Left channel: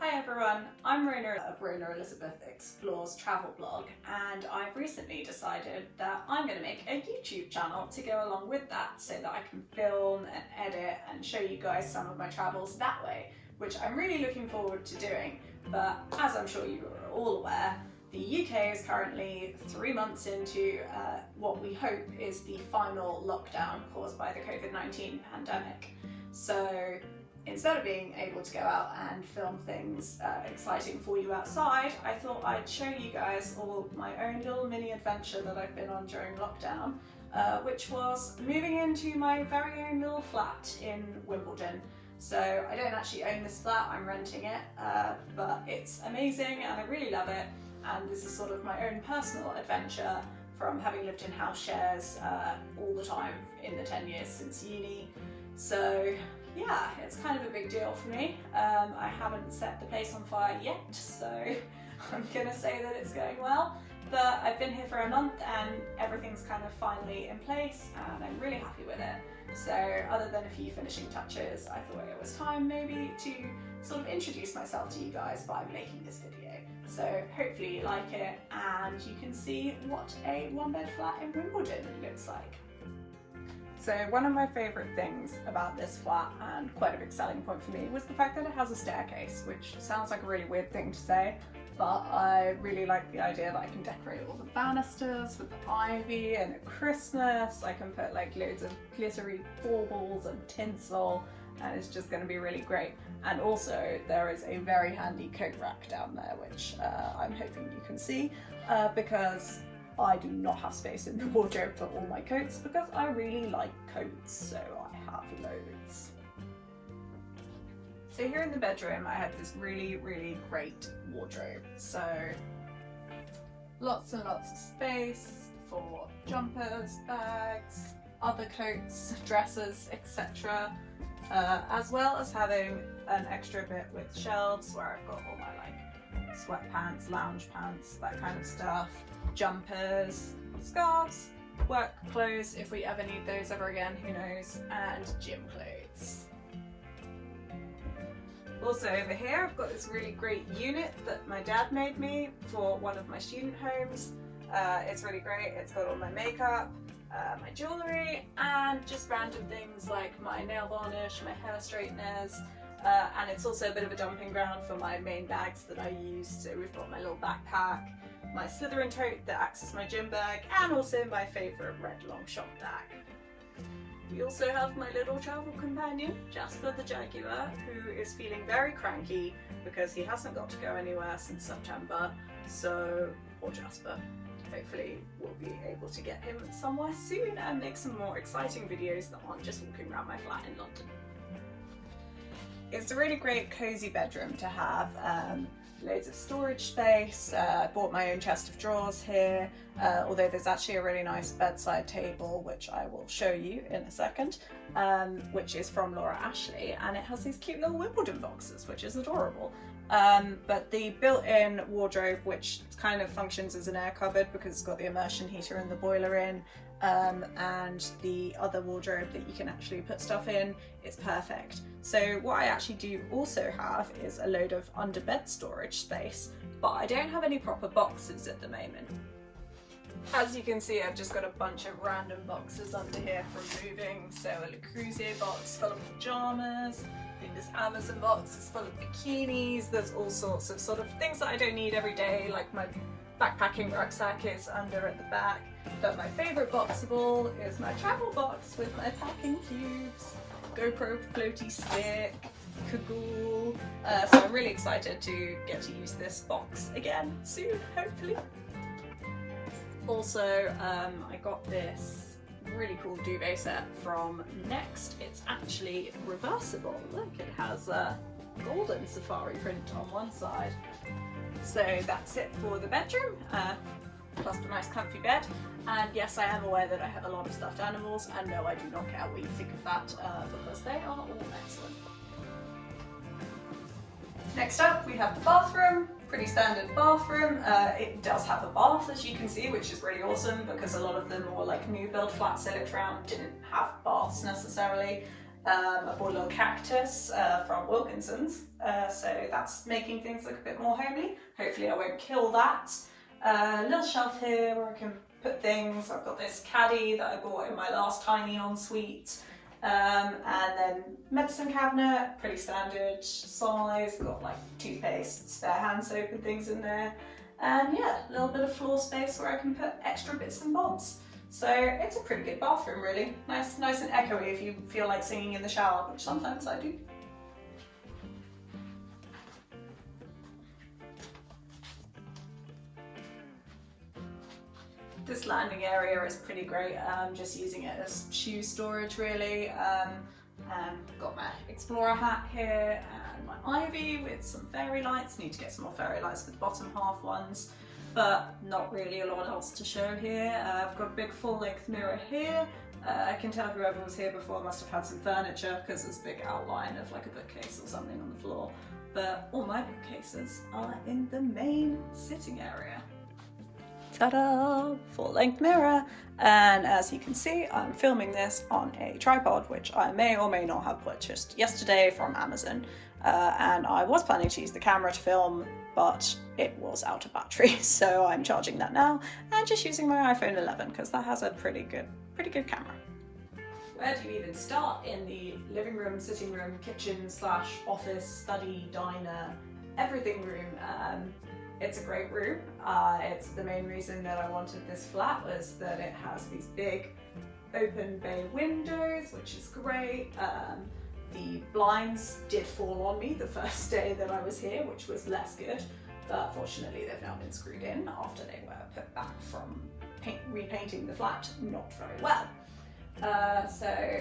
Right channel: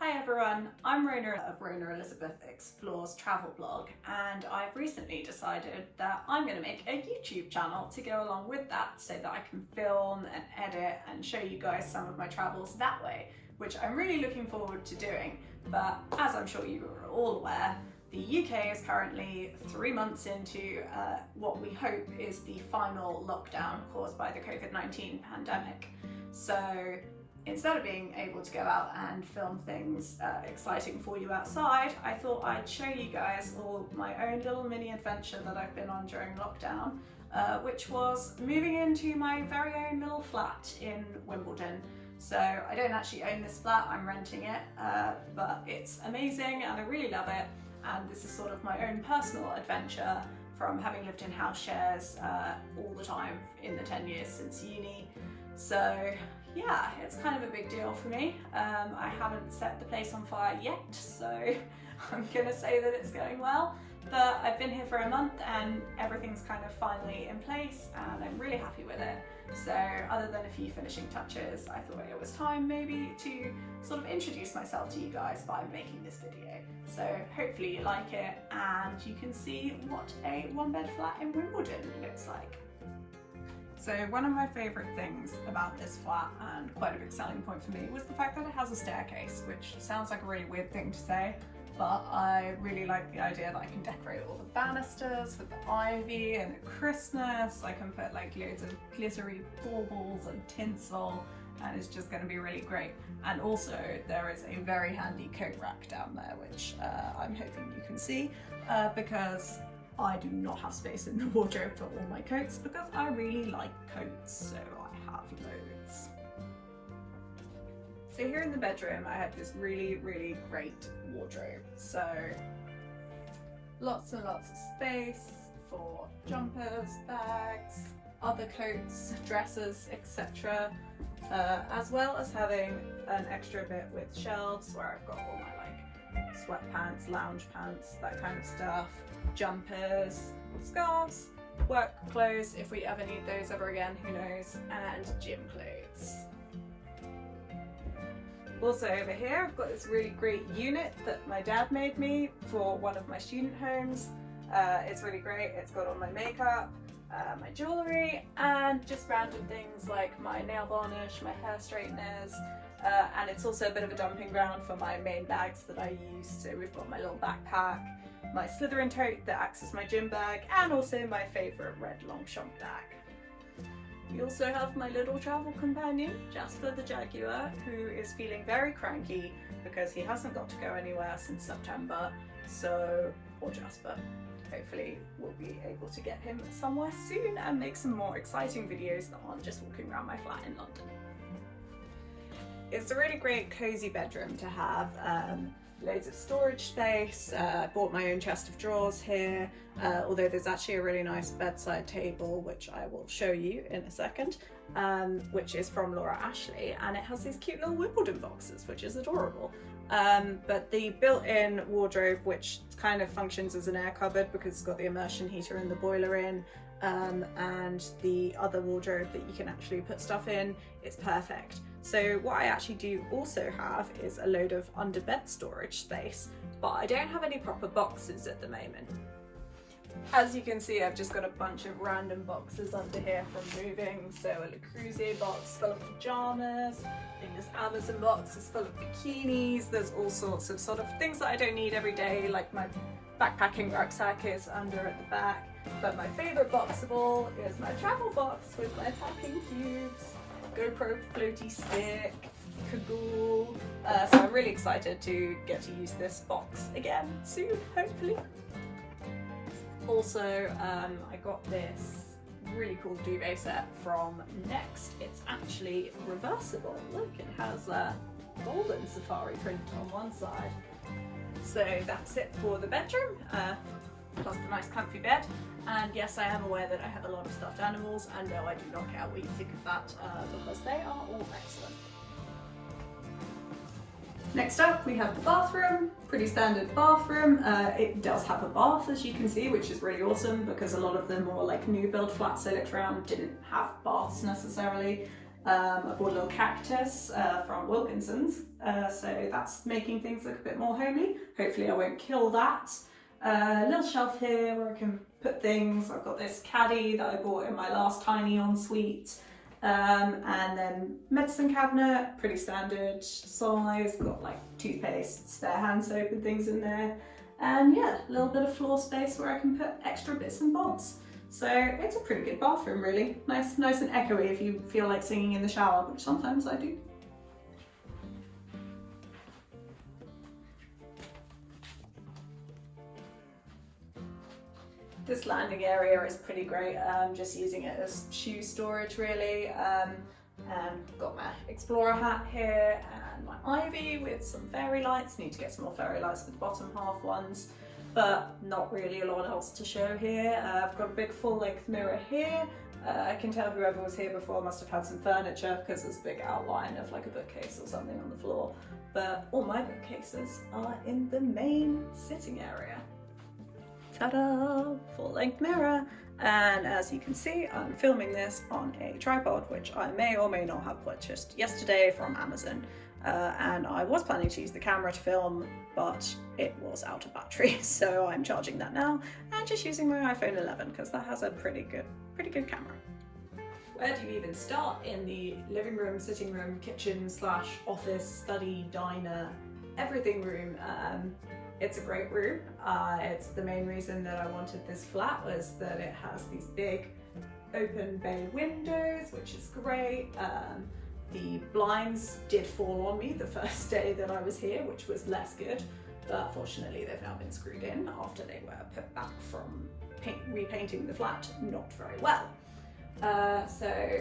Hi everyone, I'm Rona of Rona Elizabeth Explores Travel Blog, and I've recently decided that I'm going to make a YouTube channel to go along with that so that I can film and edit and show you guys some of my travels that way, which I'm really looking forward to doing. But as I'm sure you are all aware, the UK is currently 3 months into what we hope is the final lockdown caused by the COVID-19 pandemic. So instead of being able to go out and film things exciting for you outside, I thought I'd show you guys all my own little mini adventure that I've been on during lockdown, which was moving into my very own little flat in Wimbledon. So I don't actually own this flat, I'm renting it, but it's amazing and I really love it. And this is sort of my own personal adventure from having lived in house shares all the time in the 10 years since uni. So yeah, it's kind of a big deal for me. I haven't set the place on fire yet, so I'm gonna say that it's going well. But I've been here for a month and everything's kind of finally in place and I'm really happy with it. So other than a few finishing touches, I thought it was time maybe to sort of introduce myself to you guys by making this video. So hopefully you like it and you can see what a one-bed flat in Wimbledon looks like. So one of my favourite things about this flat, and quite a big selling point for me, was the fact that it has a staircase, which sounds like a really weird thing to say, but I really like the idea that I can decorate all the banisters with the ivy, and at Christmas I can put like loads of glittery baubles and tinsel, and it's just going to be really great. And also there is a very handy coat rack down there, which I'm hoping you can see, because I do not have space in the wardrobe for all my coats because I really like coats, so I have loads. So here in the bedroom I have this really great wardrobe. So lots and lots of space for jumpers, bags, other coats, dresses, etc. As well as having an extra bit with shelves where I've got all my sweatpants, lounge pants, that kind of stuff, jumpers, scarves, work clothes if we ever need those ever again, who knows, and gym clothes. Also over here I've got this really great unit that my dad made me for one of my student homes. It's really great, it's got all my makeup, my jewellery, and just random things like my nail varnish, my hair straighteners, and it's also a bit of a dumping ground for my main bags that I use. So we've got my little backpack, my Slytherin tote that acts as my gym bag, and also my favourite red Longchamp bag. We also have my little travel companion, Jasper the Jaguar, who is feeling very cranky because he hasn't got to go anywhere since September. So, poor Jasper. Hopefully we'll be able to get him somewhere soon and make some more exciting videos that aren't just walking around my flat in London. It's a really great cozy bedroom to have, loads of storage space. I bought my own chest of drawers here, although there's actually a really nice bedside table which I will show you in a second, which is from Laura Ashley, and it has these cute little Wimbledon boxes, which is adorable. But the built-in wardrobe, which kind of functions as an air cupboard because it's got the immersion heater and the boiler in, and the other wardrobe that you can actually put stuff in, it's perfect. So what I actually do also have is a load of under bed storage space, but I don't have any proper boxes at the moment. As you can see, I've just got a bunch of random boxes under here from moving. So a Le Creuset box full of pajamas, this Amazon box is full of bikinis, there's all sorts of sort of things that I don't need every day, like my backpacking rucksack is under at the back. But my favourite box of all is my travel box with my packing cubes, GoPro floaty stick, cagoule. So I'm really excited to get to use this box again soon, hopefully. Also, I got this really cool duvet set from Next. It's actually reversible. Look, it has a golden safari print on one side. So that's it for the bedroom, plus the nice comfy bed. And yes, I am aware that I have a lot of stuffed animals, and no, I do not care what you think of that, because they are all excellent. Next up we have the bathroom, pretty standard bathroom. It does have a bath, as you can see, which is really awesome because a lot of the more like new build flats I looked around didn't have baths necessarily. I bought a little cactus from Wilkinson's, so that's making things look a bit more homely. Hopefully I won't kill that. Little shelf here where I can put things. I've got this caddy that I bought in my last tiny ensuite. And then medicine cabinet, pretty standard size, got like toothpaste, spare hand soap and things in there. And yeah, a little bit of floor space where I can put extra bits and bobs. So it's a pretty good bathroom really. Nice and echoey if you feel like singing in the shower, which sometimes I do. This landing area is pretty great. I'm just using it as shoe storage really. And got my explorer hat here and my ivy with some fairy lights. Need to get some more fairy lights for the bottom half ones, but not really a lot else to show here. I've got a big full-length mirror here. I can tell whoever was here before must have had some furniture because there's a big outline of like a bookcase or something on the floor. But all my bookcases are in the main sitting area. Ta-da! Full-length mirror. And as you can see, I'm filming this on a tripod, which I may or may not have purchased yesterday from Amazon. And I was planning to use the camera to film, but it was out of battery, so I'm charging that now and just using my iPhone 11 because that has a pretty good camera. Where do you even start in the living room, sitting room, kitchen / office, study, diner, everything room? It's a great room. It's the main reason that I wanted this flat was that it has these big open bay windows, which is great. The blinds did fall on me the first day that I was here, which was less good, but fortunately they've now been screwed in after they were put back from repainting the flat not very well. So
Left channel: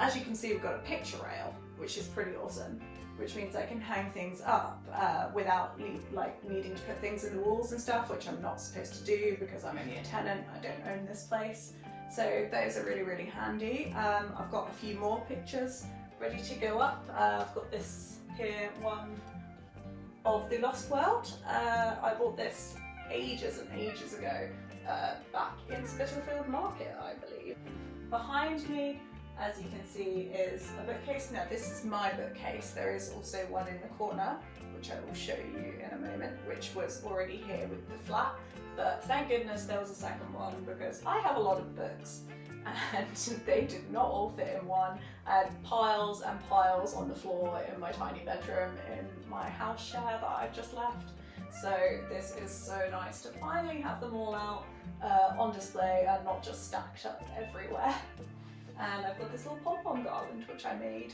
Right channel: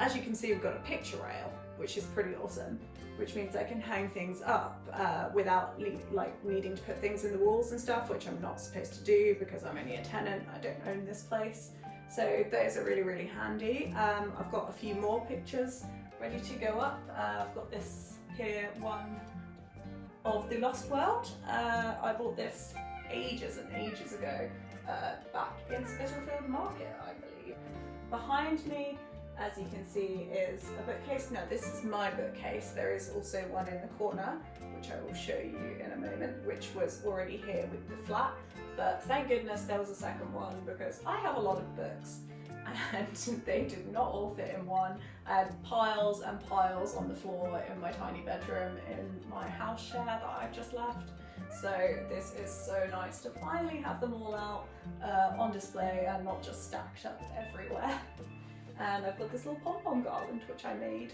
as you can see, we've got a picture rail, which is pretty awesome, which means I can hang things up without needing to put things in the walls and stuff, which I'm not supposed to do because I'm only a tenant, I don't own this place. So those are really handy. I've got a few more pictures ready to go up. I've got this here, one of the Lost World. I bought this ages and ages ago back in Spitalfield Market, I believe. Behind me, as you can see, is a bookcase. Now this is my bookcase. There is also one in the corner, which I will show you in a moment, which was already here with the flat. But thank goodness there was a second one because I have a lot of books and they did not all fit in one. I had piles and piles on the floor in my tiny bedroom in my house share that I've just left. So this is so nice to finally have them all out on display and not just stacked up everywhere. And I've got this little pom-pom garland which I made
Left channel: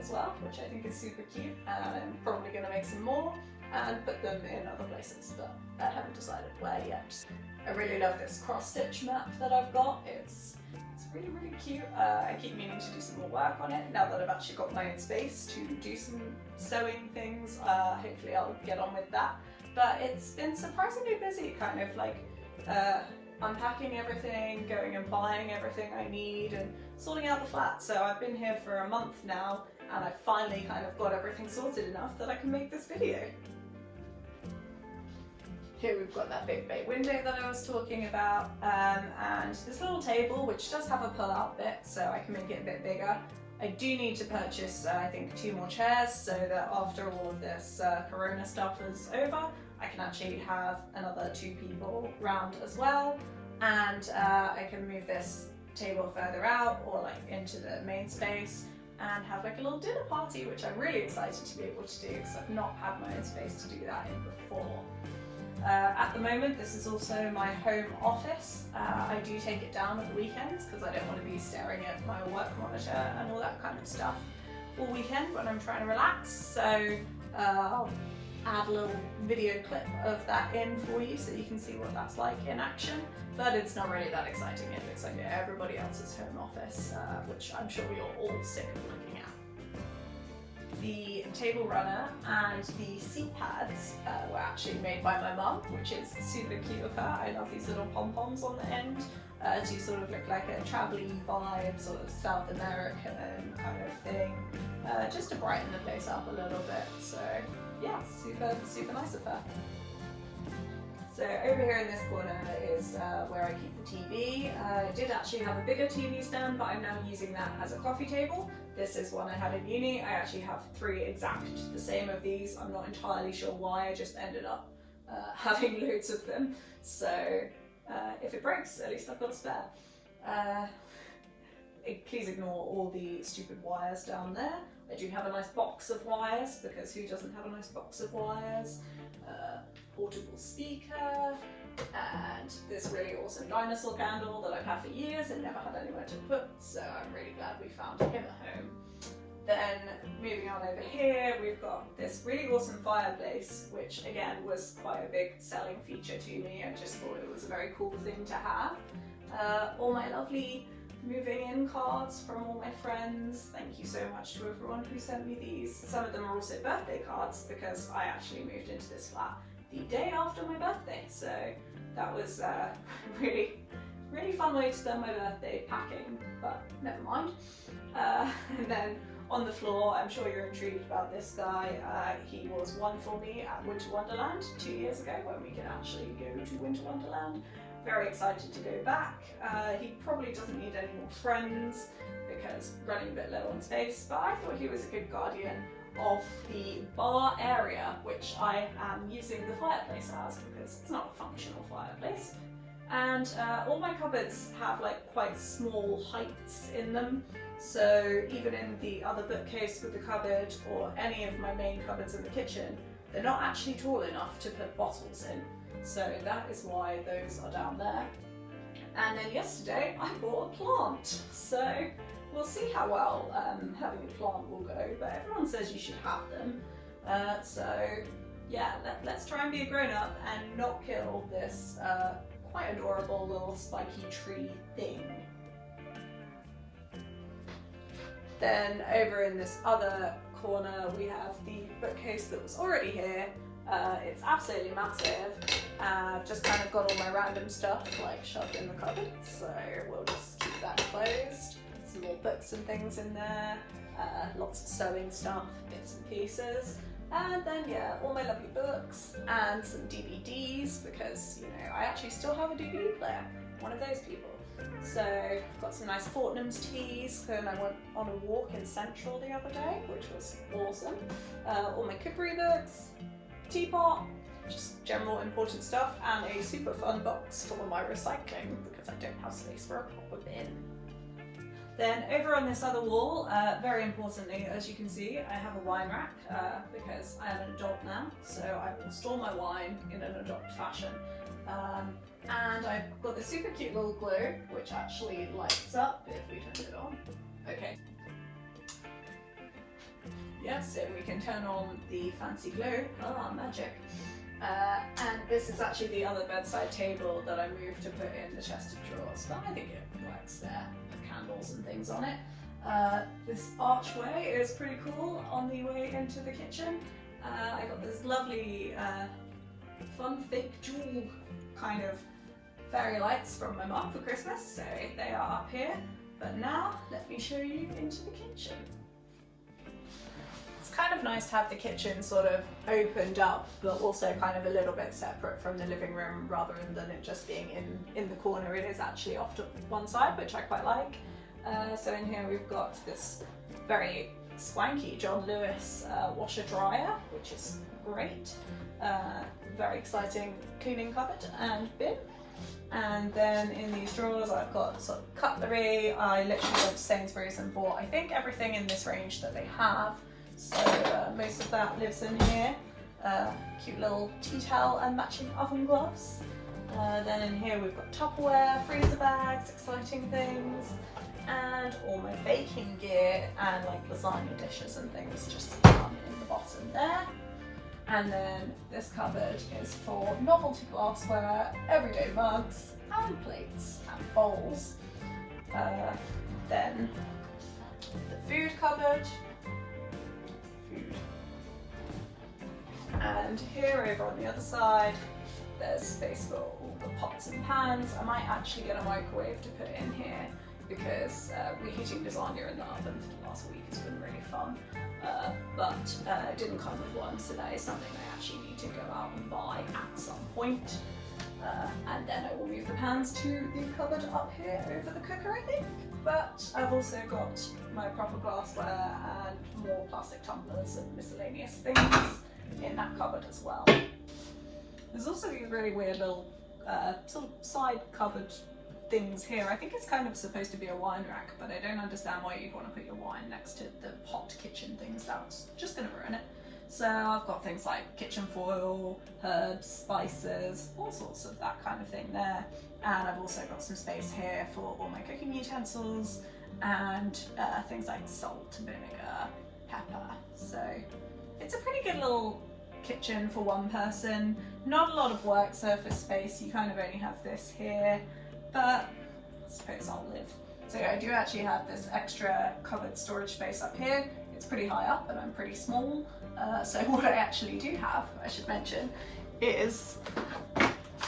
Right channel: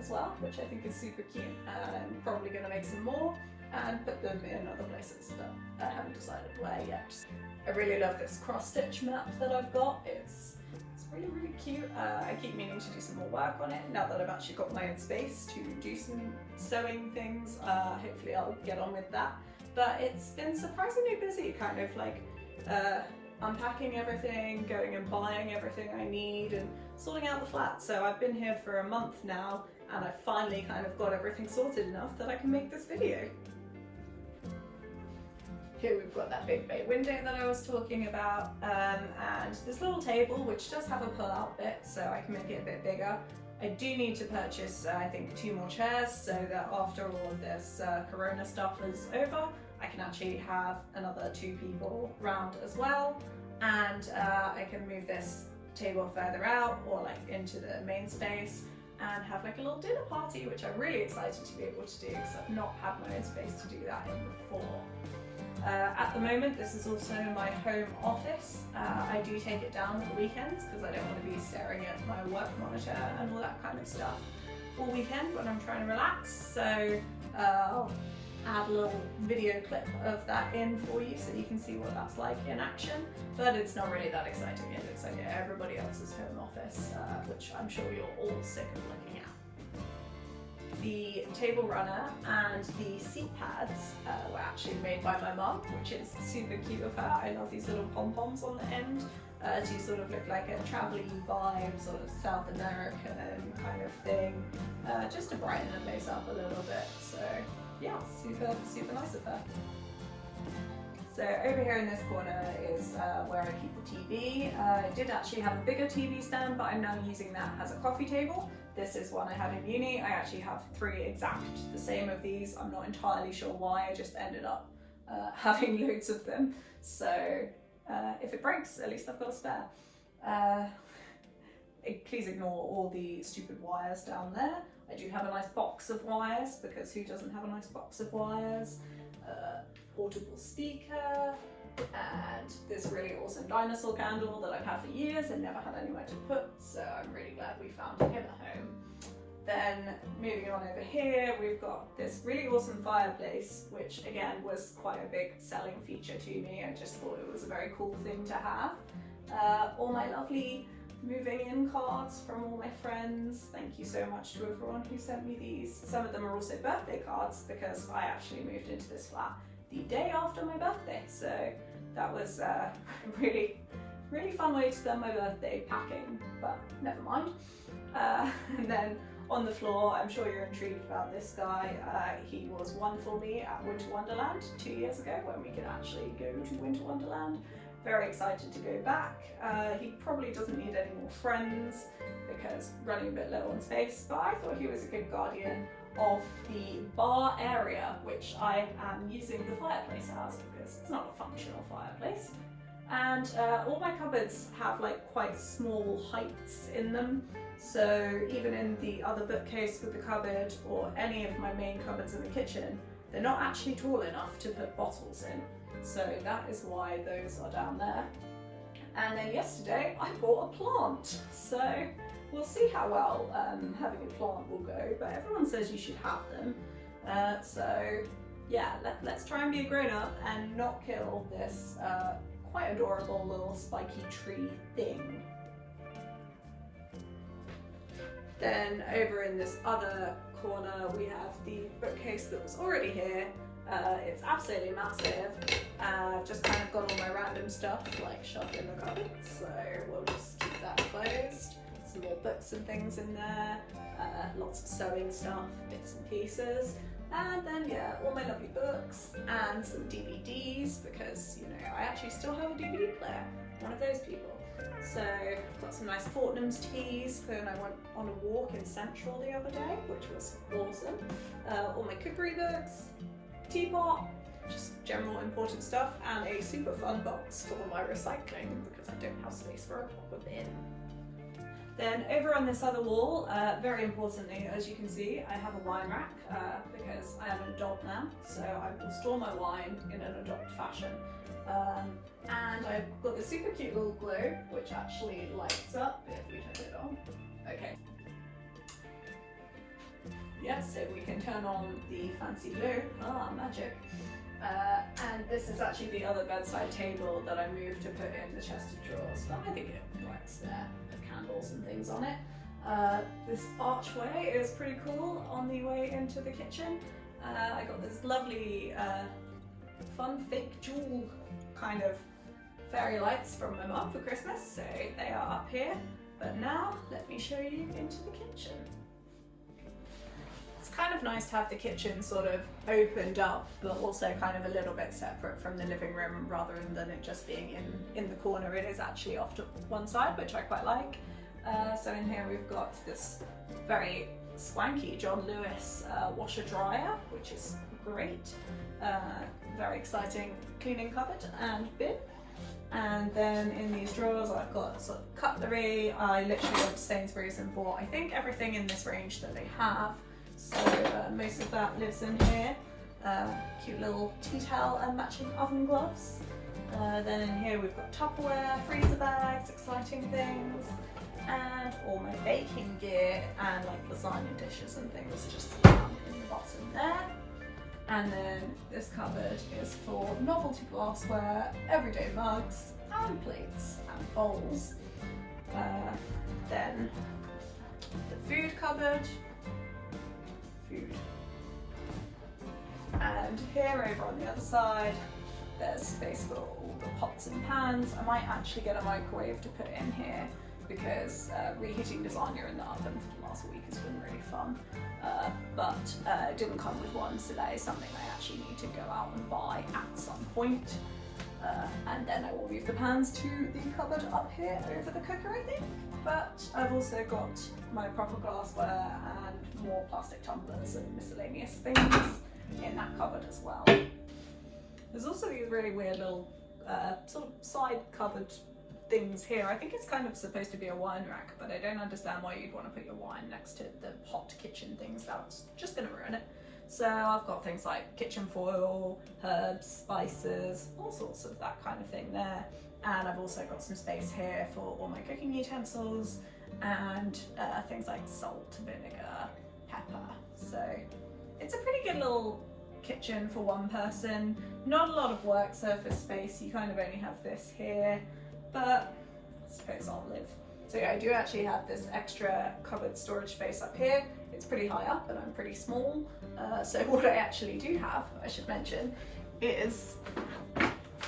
as well, which I think is super cute, and I'm probably going to make some more and put them in other places, but I haven't decided where yet. I really love this cross-stitch mat that I've got. It's really cute. I keep meaning to do some more work on it now that I've actually got my own space to do some sewing things. Hopefully I'll get on with that. But it's been surprisingly busy, kind of like unpacking everything, going and buying everything I need and sorting out the flat. So I've been here for a month now and I've finally kind of got everything sorted enough that I can make this video. Here we've got that big bay window that I was talking about, and this little table which does have a pull-out bit so I can make it a bit bigger. I do need to purchase, I think, 2 more chairs so that after all of this corona stuff is over, I can actually have another 2 people round as well, and I can move this table further out or like into the main space and have like a little dinner party, which I'm really excited to be able to do because I've not had my own space to do that in before. At the moment, this is also my home office. I do take it down at the weekends because I don't want to be staring at my work monitor and all that kind of stuff all weekend when I'm trying to relax. So I'll add a little video clip of that in for you so you can see what that's like in action. But it's not really that exciting. It looks like everybody else's home office, which I'm sure you're all sick of looking at. The table runner and the seat pads were actually made by my mum, which is super cute of her. I love these little pom-poms on the end to sort of look like a travel-y vibe, sort of South American kind of thing, just to brighten the place up a little bit. So yeah, super nice of her. So over here in this corner is where I keep the TV. I did actually have a bigger TV stand, but I'm now using that as a coffee table. This is one I had in uni. I actually have 3 exact the same of these. I'm not entirely sure why, I just ended up having loads of them. So if it breaks, at least I've got a spare. Please ignore all the stupid wires down there. I do have a nice box of wires, because who doesn't have a nice box of wires? Portable speaker, and this really awesome dinosaur candle that I've had for years and never had anywhere to put, so I'm really glad we found him at home. Then moving on over here, we've got this really awesome fireplace, which again was quite a big selling feature to me. I just thought it was a very cool thing to have. All my lovely moving in cards from all my friends. Thank you so much to everyone who sent me these. Some of them are also birthday cards, because I actually moved into this flat the day after my birthday, so that was a really fun way to spend my birthday packing, but never mind. And then on the floor, I'm sure you're intrigued about this guy. He was one for me at Winter Wonderland 2 years ago, when we could actually go to Winter Wonderland. Very excited to go back. He probably doesn't need any more friends, because running a bit low on space, but I thought he was a good guardian of the bar area, which I am using the fireplace as, because it's not a functional fireplace. And all my cupboards have like quite small heights in them, so even in the other bookcase with the cupboard, or any of my main cupboards in the kitchen, they're not actually tall enough to put bottles in. So that is why those are down there. And then yesterday I bought a plant, so we'll see how well having a plant will go, but everyone says you should have them. So yeah, let's try and be a grown-up and not kill this quite adorable little spiky tree thing. Then over in this other corner we have the bookcase that was already here. It's absolutely massive. I've just kind of got all my random stuff like shoved in the cupboard, so we'll just keep that closed. Some more books and things in there, lots of sewing stuff, bits and pieces, and then yeah, all my lovely books and some DVDs, because you know I actually still have a DVD player, one of those people. So I've got some nice Fortnum's teas, and I went on a walk in Central the other day, which was awesome. All my cookery books, teapot, just general important stuff, and a super fun box for my recycling, because I don't have space for a proper bin. Then over on this other wall, very importantly, as you can see, I have a wine rack, because I am an adult now, so I will store my wine in an adult fashion. And I've got this super cute little glue, which actually lights up if we turn it on. Okay. Yeah, so we can turn on the fancy glue. Ah, magic. And this is actually the other bedside table that I moved to put in the chest of drawers, but I think it works there. Candles and things on it. This archway is pretty cool on the way into the kitchen. I got this lovely fun fake jewel kind of fairy lights from my mum for Christmas, so they are up here. But now let me show you into the kitchen. It's kind of nice to have the kitchen sort of opened up, but also kind of a little bit separate from the living room, rather than it just being in the corner. It is actually off to one side, which I quite like. So in here we've got this very swanky John Lewis washer dryer, which is great. Very exciting cleaning cupboard and bin. And then in these drawers I've got sort of cutlery. I literally went to Sainsbury's and bought I think everything in this range that they have. So most of that lives in here. Cute little tea towel and matching oven gloves. Then in here we've got Tupperware, freezer bags, exciting things, and all my baking gear and like lasagna dishes and things just down in the bottom there. And then this cupboard is for novelty glassware, everyday mugs, and plates and bowls. Then the food cupboard, food. And here over on the other side, there's space for all the pots and pans. I might actually get a microwave to put in here, because reheating lasagna in the oven for the last week has been really fun. But it didn't come with one, so that is something I actually need to go out and buy at some point. And then I will move the pans to the cupboard up here over the cooker, I think. But I've also got my proper glassware and more plastic tumblers and miscellaneous things in that cupboard as well. There's also these really weird little sort of side cupboard things here. I think it's kind of supposed to be a wine rack, but I don't understand why you'd want to put your wine next to the hot kitchen things. That's just going to ruin it. So I've got things like kitchen foil, herbs, spices, all sorts of that kind of thing there. And I've also got some space here for all my cooking utensils and things like salt, vinegar, pepper. So it's a pretty good little kitchen for one person. Not a lot of work surface space. You kind of only have this here, but I suppose I'll live. So yeah, I do actually have this extra cupboard storage space up here. It's pretty high up and I'm pretty small. So what I actually do have, I should mention, is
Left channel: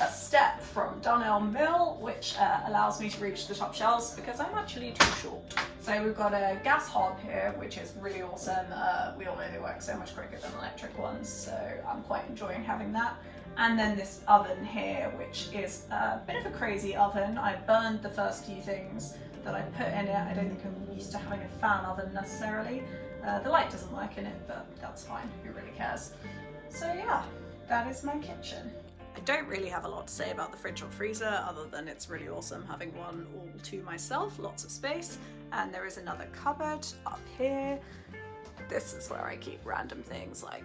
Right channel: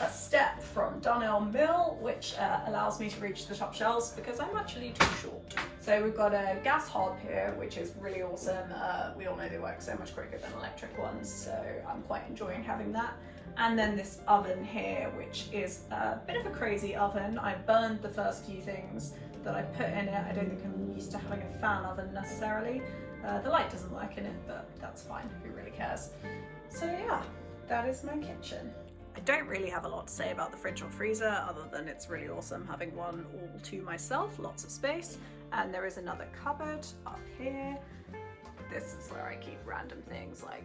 a step from Donnell Mill, which allows me to reach the top shelves because I'm actually too short. So we've got a gas hob here, which is really awesome. We all know they work so much quicker than electric ones, so I'm quite enjoying having that. And then this oven here, which is a bit of a crazy oven. I burned the first few things that I put in it. I don't think I'm used to having a fan oven necessarily. The light doesn't work in it, but that's fine, who really cares? So yeah, that is my kitchen. I don't really have a lot to say about the fridge or freezer other than it's really awesome having one all to myself, lots of space. And there is another cupboard up here. This is where I keep random things like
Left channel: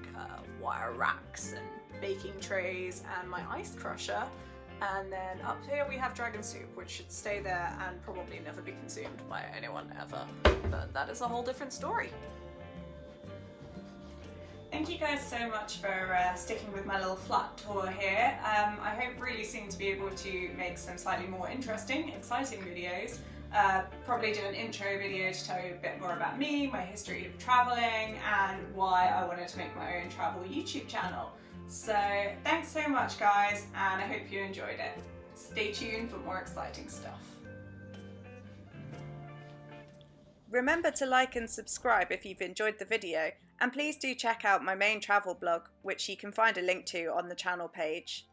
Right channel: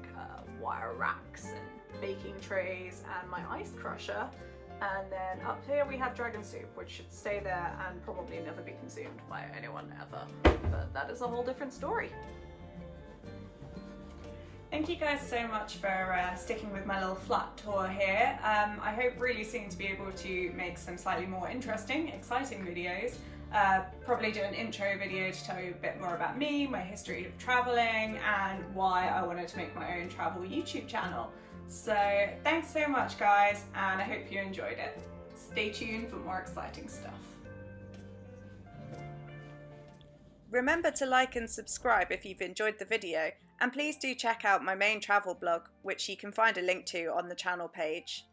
wire racks and baking trays and my ice crusher. And then up here we have dragon soup, which should stay there and probably never be consumed by anyone ever. But that is a whole different story. Thank you guys so much for sticking with my little flat tour here. I hope really soon to be able to make some slightly more interesting, exciting videos. Probably do an intro video to tell you a bit more about me, my history of traveling, and why I wanted to make my own travel YouTube channel. So thanks so much guys, and I hope you enjoyed it. Stay tuned for more exciting stuff. Remember to like and subscribe if you've enjoyed the video, and please do check out my main travel blog, which you can find a link to on the channel page.